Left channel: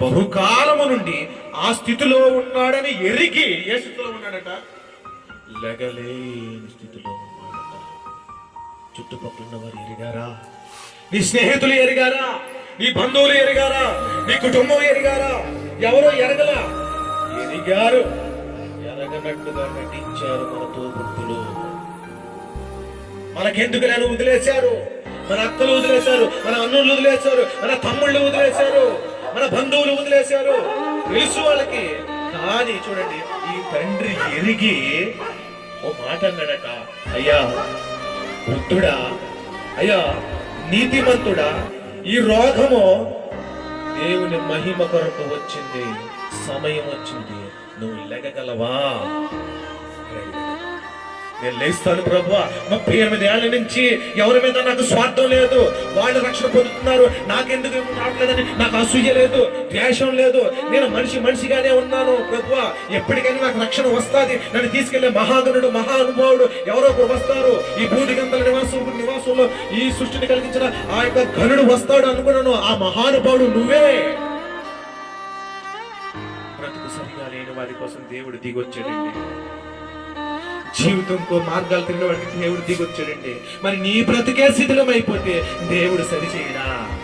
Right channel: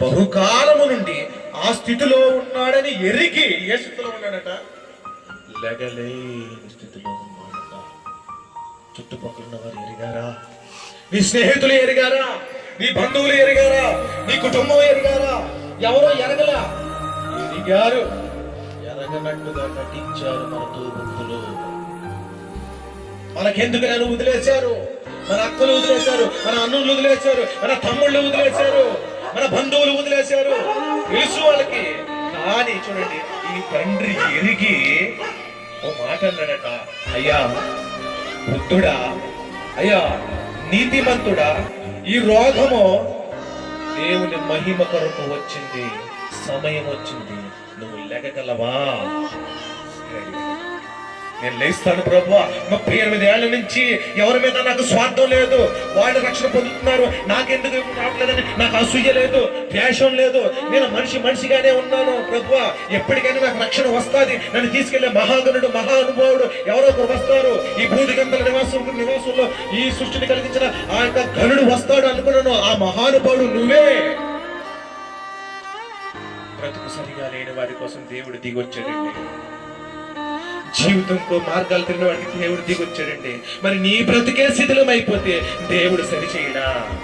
బహుకాలము నుండి ఆ స్థితిలో ఉన్నాడని ఎరిగి, ఏ స్థితిలో ఉన్నాడట? లెగలేని స్థితిలో ఉన్నాడట. చుట్టుపక్కల ఉన్న వారు ఎరిగారా? నీ స్నేహితులు ఎరిగారా? నీ బంధువులు ఎరిగారా? నీ కుటుంబం ఎరిగారా? ఎవరో ఎరగలా, ఎరిగారు. ఎరగనట్టుగా నటించారు మన తోబుట్టులు. మనకెందుకు నేను వదిలేశారు? మన అక్కలు వదిలేశారు, మన అన్నులు వదిలేశారు, మన తమ్ముళ్ళు వదిలేశారు, మన బంధువులు వదిలేశారు. తెలుసు వాళ్ళకి. కానీ చూడండి, ఈ తండ్రి ఎరిగి ఓ మాట అన్నాడట, అయ్యా వృద్ధుడా, అయ్యా నీతిమంతుడా, ఈ రోగము దేవుని మహిమ కొరకు వచ్చింది, సమయం వచ్చింది, నువ్వు లెగగలవా? నేను లేస్తాను ప్రభువా. 38 ఏళ్ల నుంచి ఎవరి మీద నాకు స్వార్థం లేదు. వాళ్ళు రక్షణ పొందుతున్నారు, నాకెందుకు రావట్లేదని నాకు అసూయ లేదు, ద్వేషం లేదు. నేను మనిషిగానే ఉన్నాను ప్రభువా. ఎప్పటికైనా నాకు రక్షణ వస్తుంది. నన్ను తీసుకెళ్లే మహాగణుడు, మహానుభావుడు ఎవరో ఒకరు వస్తారు. ఈ భూదిగంతల నివాసంలో ఈ సృష్టిని కలిగించిన ఆ యొక్క ఘనుడు వస్తాడు అనుకున్నాను. ఆ మహానుభావుడు నువ్వే. బ్రతుకు సరిగా లేని వారి కోసం దేవుడు దిగొచ్చాడండి. జీవితంకో మార్గాలు తిరిగిన వాడికి దేవుడు దిగొచ్చాడండి. మరి నీ బ్రతికే శిథిలం అయిపోతే దేవుడు సరిచేయడా?